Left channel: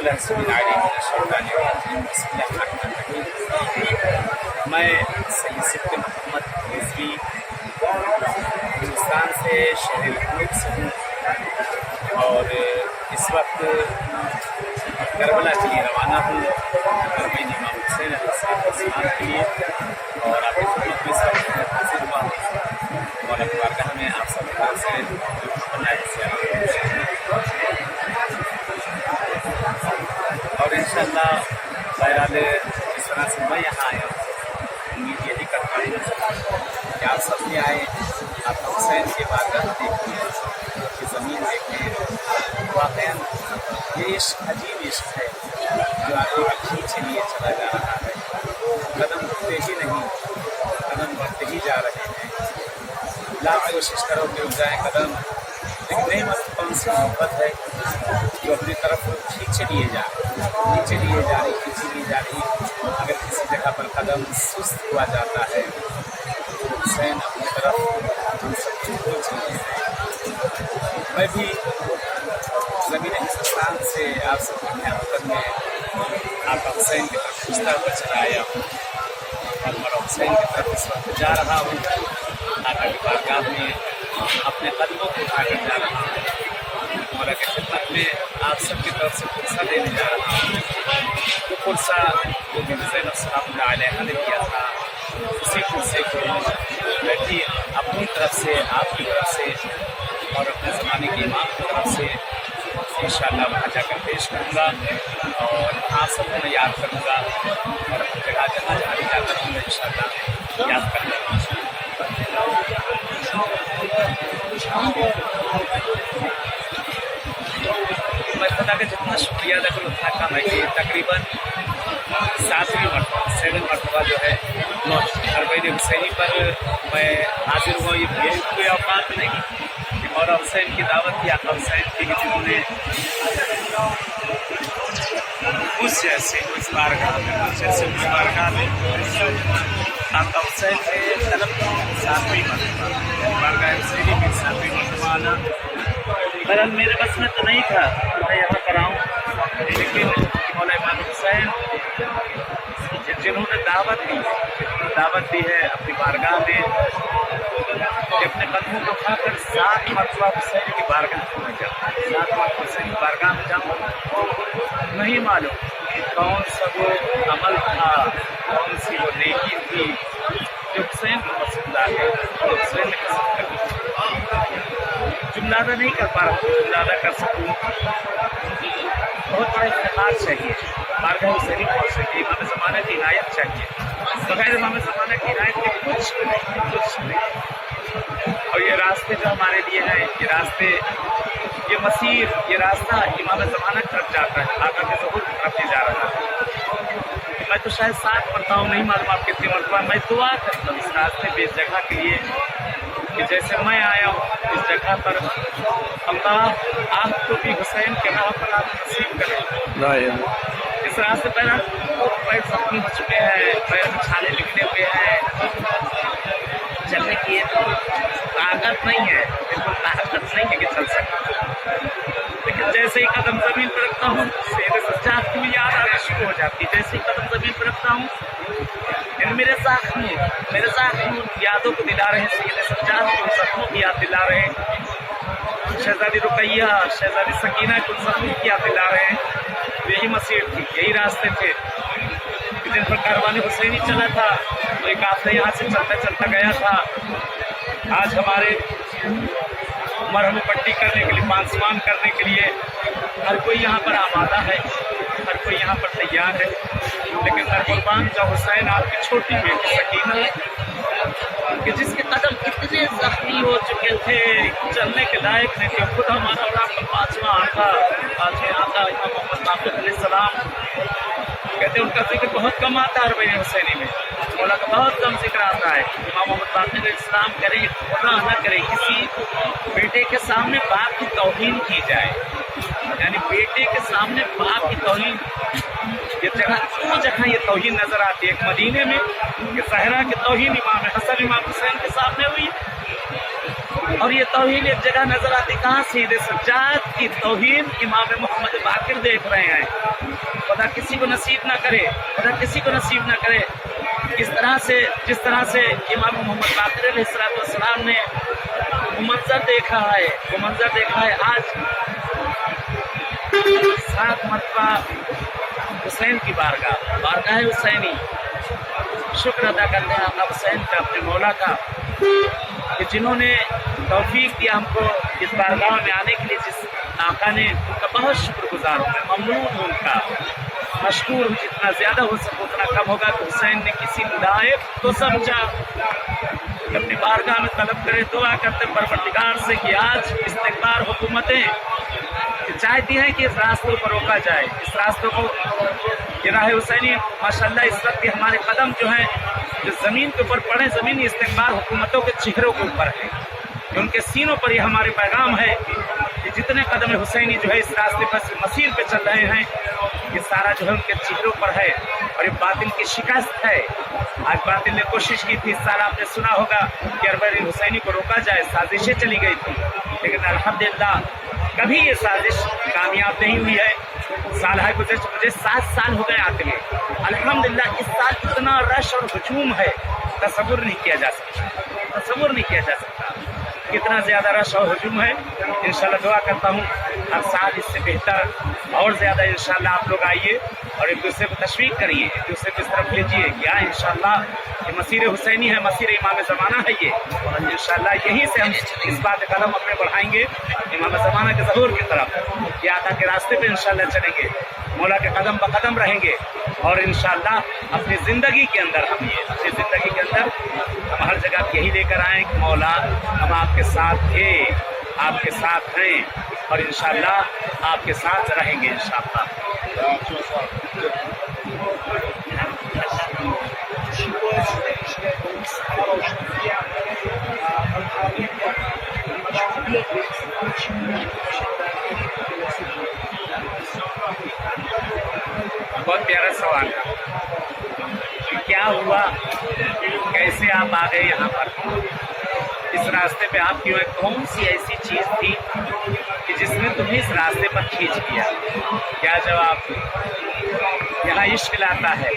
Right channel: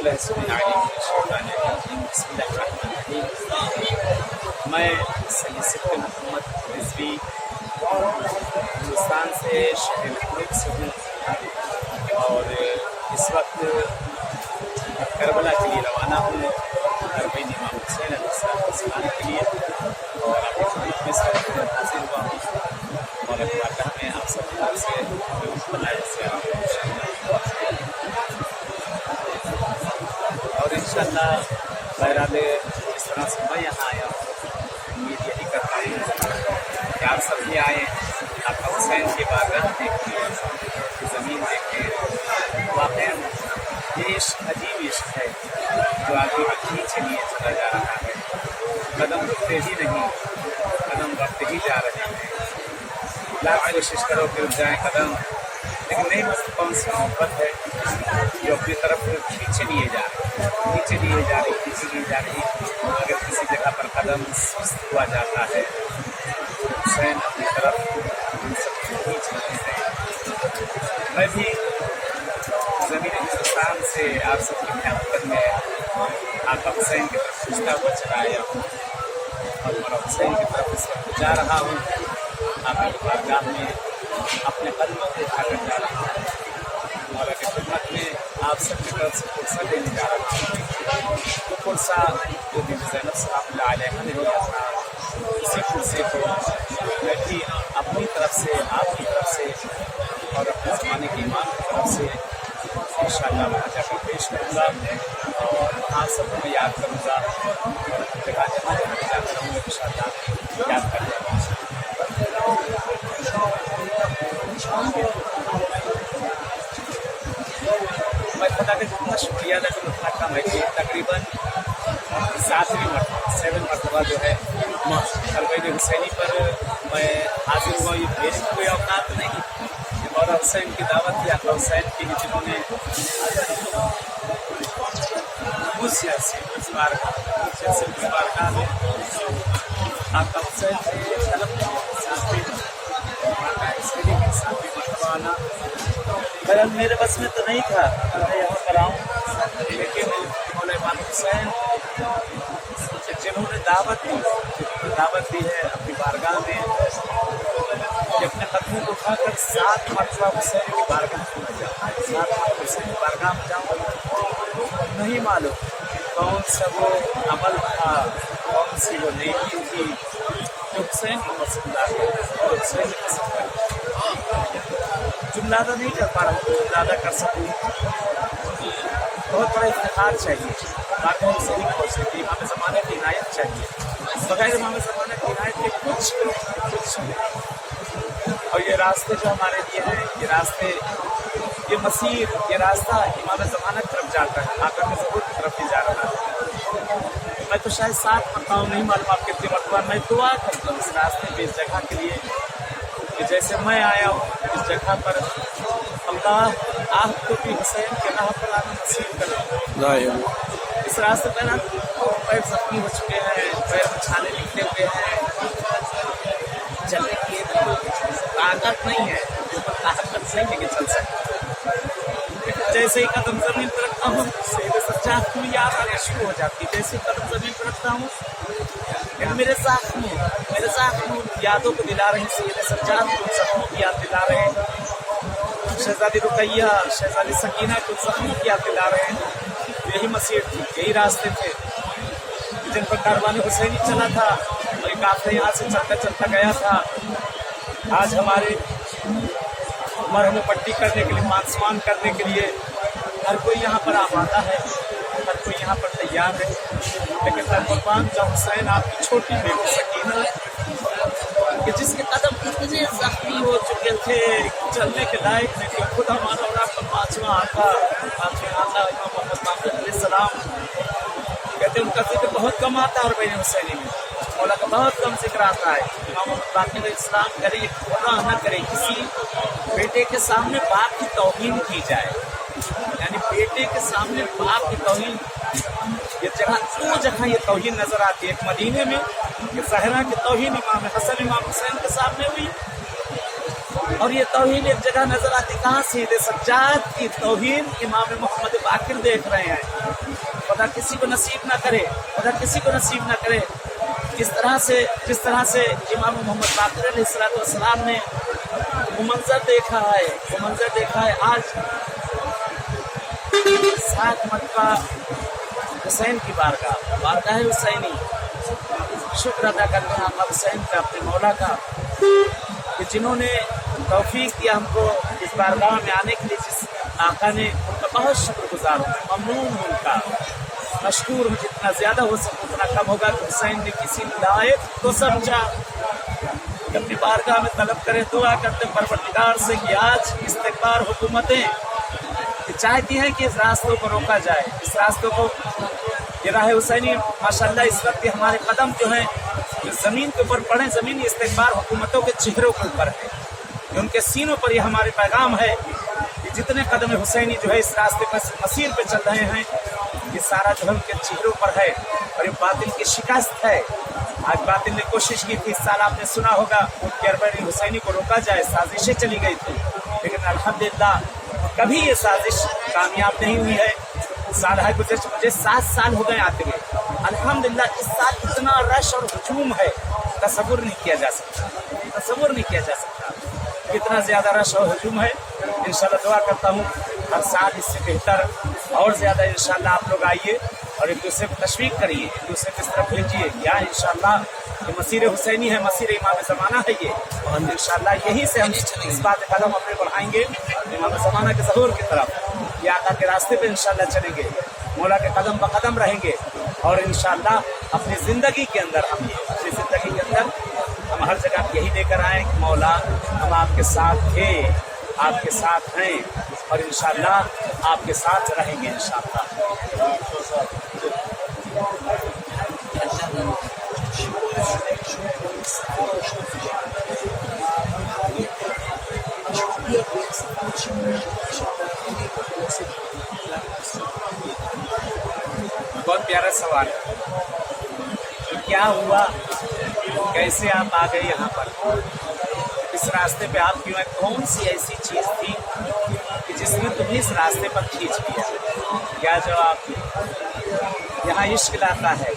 باللہ السمیع العلیم من الشیطان الرجیم بسم اللہ الرحمن الرحیم۔ میں سید صدق محمد رضوی ہندوستان سے شہر لکھنؤ سے ہوں اور اس وقت کربلا کے لیے روانہ ہوں، کربلا امام حسین علیہ السلام کے لیے، اور آپ کی خدمت میں اس وقت حاضر ہوا ہوں اور بارگاہ میں آپ سب کے سے اور انشاءاللہ بہرحال جس طرح سے میں یہاں آیا ہوں امید یہی کرتا ہوں کہ آپ سب بھی آئیں، آقا حسین کی بارگاہ دیکھیں، کی زمین دیکھیں۔ واقعاً یہ عشق عجیب عشق ہے جو آدمی کو کھینچے لیے چلا جا رہا ہے، قدم رکتے ہی نہیں، قدم بڑھتے ہی جا رہے ہیں۔ لاکھ کوشش کرو کہ رک جائیں قدم، لیکن نہیں مطلب کون سی محبت ہے جو اپنی طرف کھینچے لیے جا رہی، کھینچے لیے جا رہی، کھینچی لیے جا رہی۔ اگر کسی جگہ پر قدم سست ہوا جاتا ہے تو حسین اپنی طرف ہم سب کو کھینچ لیے ہیں۔ میں بھی زمین ہندوستان سے آپ سب کی خدمت میں آقا حسین کی طرف کھینچتا ہوا چلا آیا ہوں اور مولا حسین کی طرف اس وقت جا رہا ہوں۔ آقا کی بارگاہ میں اپنے قدموں کو اٹھا کر جا رہا ہوں، مولا کی خدمت میں آپ سب کی طرف سے فرصہ دینے جا رہا ہوں۔ وہ فرصہ جو کہ زینب سلام اللہ علیہ نے دیا تھا، اسی فرصے کو میں بھی اپنی طرف سے، آپ کی طرف سے اور اپنے زمانے کے امام کی طرف سے انشاءاللہ وہاں جا کر پیش کروں گا اور وہاں سب کو میں یاد کروں گا اور ہر جگہ جہاں جہاں بھی جاتا رہوں گا انشاءاللہ یاد کرتا رہوں گا۔ میں خدا کا جتنا شکریہ ادا کروں اتنا کم ہے کہ تقریباً 7 مرتبہ جو ہے اربعین حسینی پر میں حاضر ہوا۔ یہ میری کوئی اوقات نہیں کہ مولا حسین کی دعوت کی، آقا حسین کی، کہ جنہوں نے اس جیسے اس بارگاہ میں آقا حسین سے طلب 7ویں مرتبہ بارگاہ حسینی میں 7ویں مرتبہ آنا بہرحال میرے بس میں تو نہیں تھا میں یہاں پر آؤں، لیکن مولا امام حسین جنہوں نے دعوت دی ہے اپنی بارگاہ میں کہ اپنے قدموں کو کھا کر 7 مرتبہ حسین کی بارگاہ میں میں جاؤں، 7 مرتبہ حسین کی بارگاہ میں جاؤں۔ نہیں معلوم کون سا وہ عمل تھا، کون سی وہ نیکی تھی جو حسین کو پسند آ گئی، جو حسین نے پسند کر دی۔ جملادہ نہیں کر پا رہا ہوں، جملادہ کر سکوں۔ بہت بڑا افتخار چاہیے بارگاہ حسینی پہنچنے کی، امام زمانہ کی عنایت چاہیے، بغیر امام زمانہ کی عنایت کے کچھ نہیں۔ اور یہ راستے جو ہمارے لیے ہیں، یہ راستے، یہ مسیر، یہ راستہ امام زمانہ کی طرف جاتا ہے، آقا کے ظہور کی طرف ہی جا رہا ہے۔ میں تو شاید 7 پڑھتا ہوں، نہیں معلوم آپ کتنی مرتبہ میں دعا کرتا ہوں اس راستے پہ، اس جگہ کے لیے کہ جیسے میں آیا ہوں اس جگہ پر، اللہ آپ کو بھی حسین کے راہ پر آنا نصیب کرے۔ اس راستے پہ پیر زخمی ہو چکے ہیں، پیر میں چھالے نکلے ہوئے ہیں، چلنے کی طاقت نہیں ہے، بالکل طاقت نہیں ہے کہ چل سکتا، لیکن جیسے ہی قدم زمین پہ رکھتا ہوں سید سجاد کی یاد آنا شروع ہو جاتی ہے۔ جیسے ہی قدم زمین پہ رکھتا ہوں یعنی میرے زخم یادوں کو دلا رہے ہیں، سید سجاد کی ان زخموں کی یاد دلا رہے ہیں، شہزادی رقیہ، شہزادی سکینہ کی ان زخموں کی یاد دلا رہے ہیں۔ یہی مسیر تھی، یہی راستے تھے جن پر کاروان حسینی چلا تھا، وہی قافلہ یہاں سے چلتا چلتا گیا تھا۔ آج ہمارے مرہم پٹی کرنے کے لیے، پانسمان کرنے کے لیے ہر کوئی یہاں پر آمادہ ہے، ہر کوئی یہاں پر تیار ہے، لیکن در قربان جو حسین آپ کی چھوٹی بیٹی سکینہ کہ جس کے قدم اتنے زخمی ہو چکے تھے، چلنے کے لائق نہیں تھے، خود ہمارا اور آپ کا 5واں آقا امام محمد باقر علیہ السلام کہتے ہیں ان کا ذکر بہت کم آتا ہے اربعین حسینی میں، مولا کا بہت کم ذکر آتا ہے۔ امام محمد باقر علیہ السلام کرے خدا نہ کرے کسی بیٹے کے سامنے باپ کی توہین کی جائے، یعنی بیٹے کے سامنے باپ کی توہین، یہ جگہ دو جگہ یہ توہین نظر آتی ہے، ایک مدینے میں کہ زہرا کی توہین امام حسن امام حسین کے سامنے ہوئی، اور یہ توہین ایک جگہ نظر آتی کہاں؟ سیدھے سجاد کی توہین امام محمد باقر دیکھ رہے ہیں. خدا کسی کو نصیب نہ کرے، خدا کسی کو نصیب نہ کرے. جس طرح سے امام محمد باقر علیہ السلام نے وہ منظر دیکھا ہے. آج 7 مرتبہ حسین کی بارگاہ حسینی شکر ادا کرتے ہیں آقا حسین کا، اپنے مولا کا، کہ جنہوں نے توفیق دیا ہم کو اس بارگاہ میں آنے کے لیے. جس آقا نے، ان کا بہت شکر گزار ہوں میں، ممنون ہوں ان کا، مشکور ہوں. جتنا زیادہ ہو سکے اتنا کم ہوگا. کہ حسین نے کسی لائق تو سمجھا کہ اپنی بارگاہ میں طلب کرے، دعا کرتے پروردگار سے کہ آج استکبار حکومتیں چاہتی ہیں کہ اس راستوں پر روکا جائے، اس راستوں کو، یہ راہ حسینی ماشاءاللہ اس وقت ہمارے قدم جو ہیں جو زمین کے اوپر پڑے، زمینی استکبار حکومتوں کے چہروں کے اوپر ہے، کہ ان کے سینوں پر یہ ہمارے پیغام ہے کہ جتنے قدم حسینی جو ہے اس راستے پر مسیر پہ چل رہے ہیں، یہ سارا جو ہے ان کے چہروں پر ہے. اور یہ باطل کی شکست ہے. آج باطل نے کوشش کی تھی، اس سال آپ نے سنا ہوگا کہ اربعین حسینی کو روکا جائے، سازشیں چلی گئی تھی، لیکن الحمدللہ کبھی یہ سازش کامیاب نہیں ہوئی ہے. سال ہے گزشتہ، مجھے 7 سال ہو گئے آتے ہوئے. الحمدللہ اس سال اتنا رش اور ہجوم ہے، تصور نہیں کیا جا سکتا کتنا زیادہ رش اور ہجوم ہے. انشاءاللہ دعا کرتا ہوں ہر سال اس سے بہتر اور زیادہ انشاءاللہ آپ لوگ آئیے اور ایک دوسرے کو تشویق کریے، ایک دوسرے کو اس طرف بھیجیے. کیا انشاءاللہ یہ مسیر حسینی ہے، مسیر امام زمانہ ہے یہ، اور انشاءاللہ یہیں سے ہم اس بات قدم اپنے بڑھائیں گے امام زمانہ کے ظہور کی طرف. یہ آقا کے راستے پہ انشاءاللہ چلیں گے، مولا کے قدم بقدم رہیں گے، اور انشاءاللہ اپنی زندگی کے اندر ہم ہر جگہ یہی لے کر آئیں کہ مولا ہم آپ کے ساتھ تھے، آپ کے ساتھ ہیں، اور انشاءاللہ آپ کے ساتھ رہیں گے انشاءاللہ. بہت پیارا سوال ہے کہ کیا ہوا، کیسے آپ آ گئے یہاں پر، اس راستے پہ آپ کیوں ہیں، کون سی ایسی چیز تھی کہ جس نے تمہیں اس راستے پر کھینچ دیا؟ کیا جواب؟ یہاں عشق لاتا ہے،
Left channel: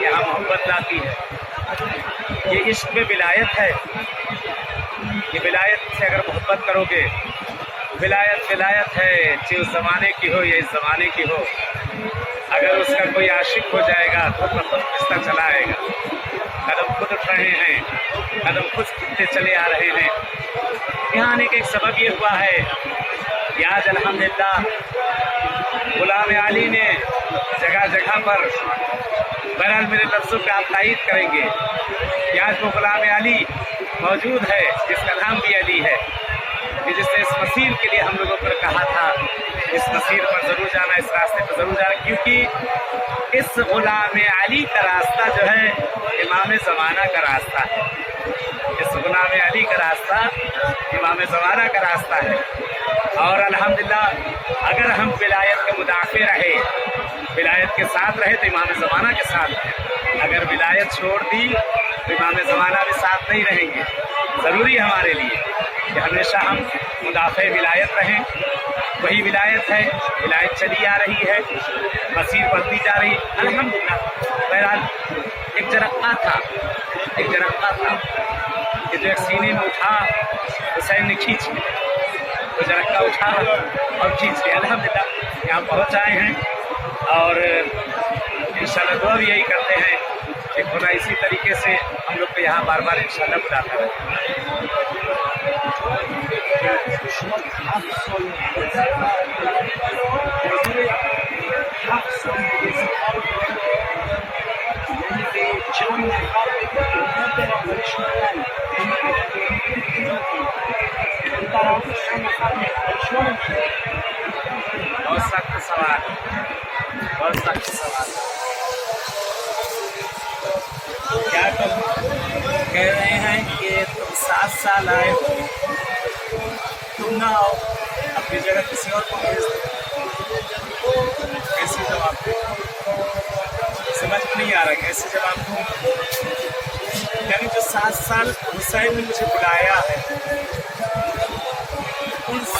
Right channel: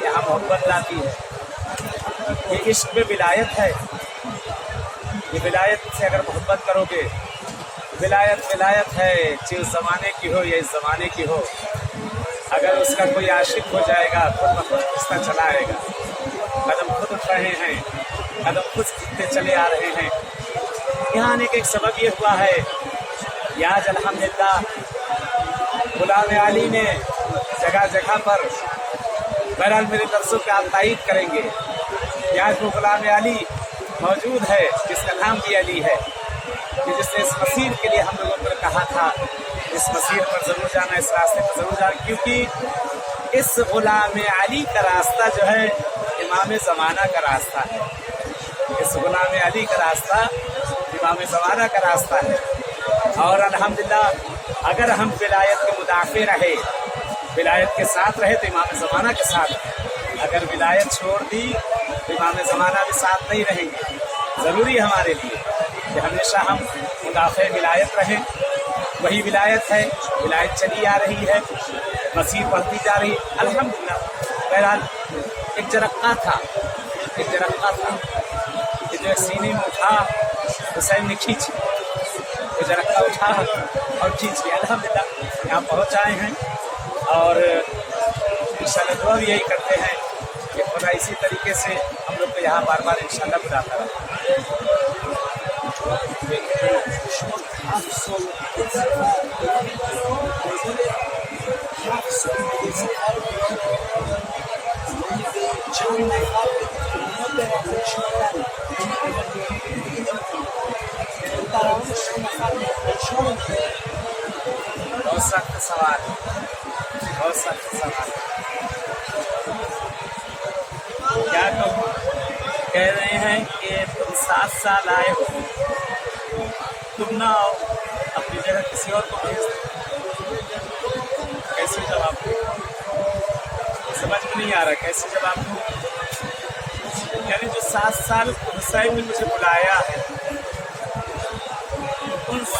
یہاں محبت لاتی ہے. یہ عشق میں ولایت ہے. یہ ولایت سے اگر محبت کرو گے، ولایت ہے، چاہے اس زمانے کی ہو یا اس زمانے کی ہو. اگر اس کا کوئی عاشق ہو جائے گا خود بخود کھنچتا چلا آئے گا. قدم خود اٹھ رہے ہیں، قدم خود کھنچتے چلے آ رہے ہیں. یہاں آنے کا ایک سبب یہ ہوا ہے کہ آج الحمدللہ غلام علی نے جگہ جگہ پر، بہرحال میرے لفظوں پہ آپ تائید کریں گے کہ آج وہ غلام علی موجود ہے جس کا نام بھی علی ہے، کہ جس نے اس مسیر کے لیے ہم لوگوں پر کہا تھا اس مسیر پر ضرور جانا، اس راستے پر ضرور جانا، کیونکہ اس غلام علی کا راستہ جو ہے امام زمانہ کا راستہ ہے. اس غلام علی کا راستہ امام زمانہ کا راستہ ہے. اور الحمدللہ اگر ہم ولایت کے مدافع رہے، ولایت کے ساتھ رہے تو امام زمانہ کے ساتھ ہیں. اگر ولایت چھوڑ دی تو امام زمانہ بھی ساتھ نہیں رہیں گے. ضروری ہے ہمارے لیے کہ ہمیشہ ہم مدافع ولایت رہیں. وہی ولایت ہے، ولایت چلی آ رہی ہے، مسیر بڑھتی جا رہی ہے الحمدللہ. بہرحال ایک جرقہ تھا کہ جو ایک سینے میں اٹھا حسین نے کھینچ لیا، وہ جرقہ اٹھا اور کھینچ لیا. الحمدللہ یہاں پہنچ آئے ہیں، اور انشاءاللہ دعا بھی یہی کرتے ہیں کہ خدا اسی طریقے سے ہم لوگ کو یہاں بار بار انشاءاللہ بلاتا رہے. بہت سخت سوال، بہت سخت سوال. کیا تم کہہ رہے ہیں کہ تم 7 سال آئے ہو، تم نہ آؤ، اپنی جگہ کسی اور کو بھیج دو؟ کیسے جواب دو؟ سمجھ میں نہیں آ رہا کیسے جواب دوں. یعنی جو 7 سال حسین نے مجھے بلایا ہے،